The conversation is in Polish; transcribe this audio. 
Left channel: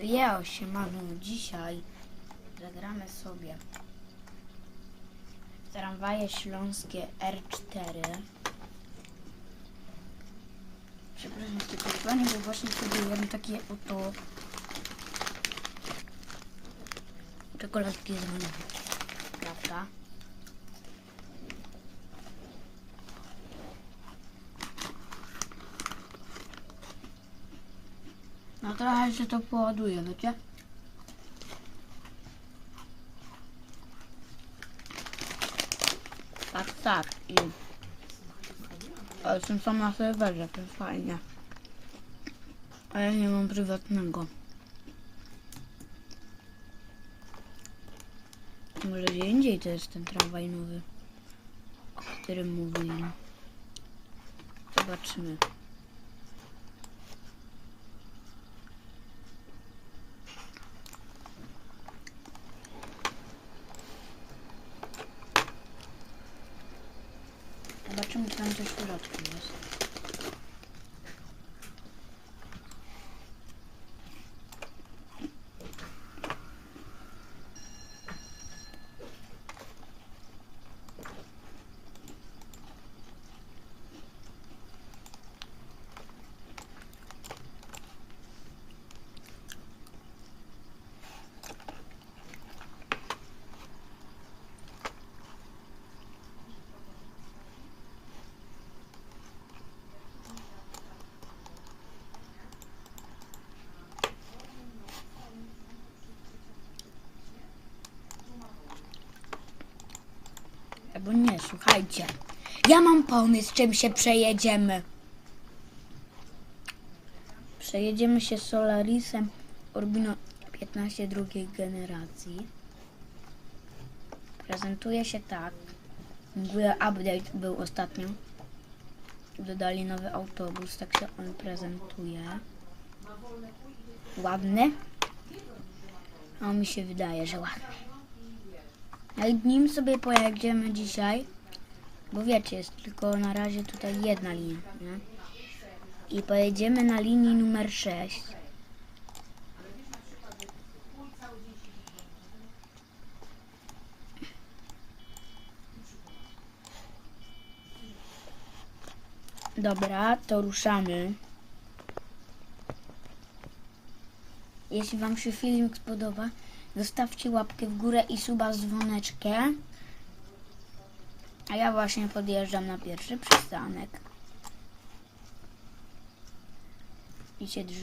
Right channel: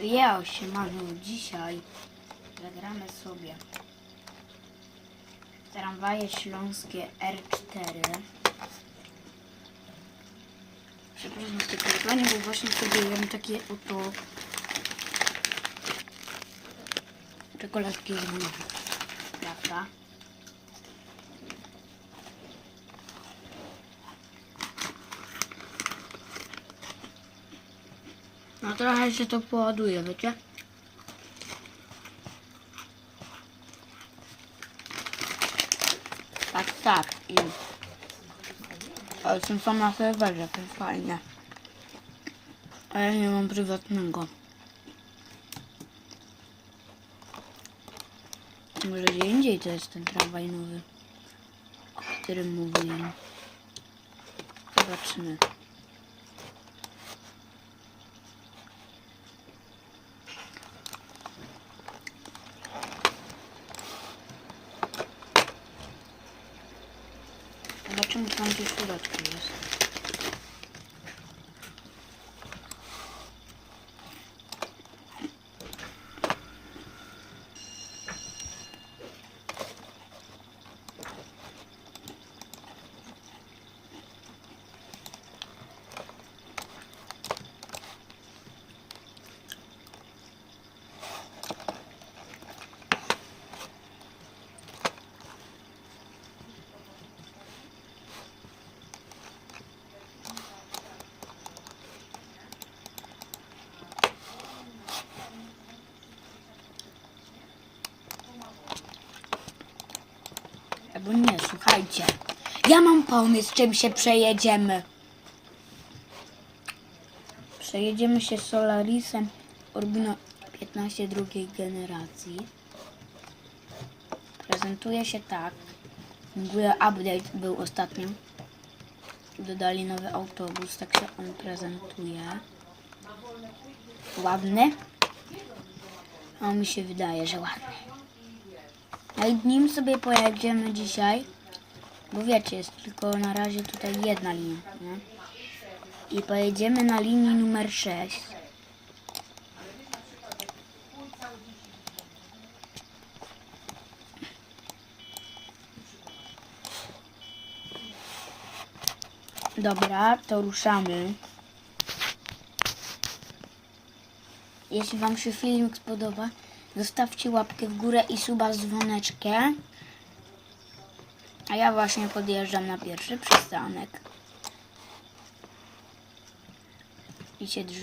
Ja się mamy dzisiaj. Zagramy sobie tramwaje śląskie R4. Przepraszam za takie wyzwanie, bo właśnie sobie jem takie oto czekoladki z mlekiem. No trochę się to poładuje, wiecie? Tak, tak. I... Ale są sama serwerze, to jest fajne. A ja nie mam prywatnego. Może gdzie indziej to jest ten tramwaj nowy, o którym mówili. Zobaczymy. Zobaczymy, co tam gdzieś w Albo nie, słuchajcie. Ja mam pomysł, czym się przejedziemy. Przejedziemy się Solarisem Urbino 15 drugiej generacji. Prezentuje się tak. Update był ostatnio. Dodali nowy autobus, tak się on prezentuje. Ładny? No mi się wydaje, że ładny. No i nim sobie pojedziemy dzisiaj, bo wiecie, jest tylko na razie tutaj jedna linia, nie? I pojedziemy na linii numer 6. Dobra, to ruszamy. Jeśli Wam się filmik spodoba, zostawcie łapkę w górę i suba z dzwoneczkiem. A ja właśnie podjeżdżam na pierwszy przystanek. I się drży.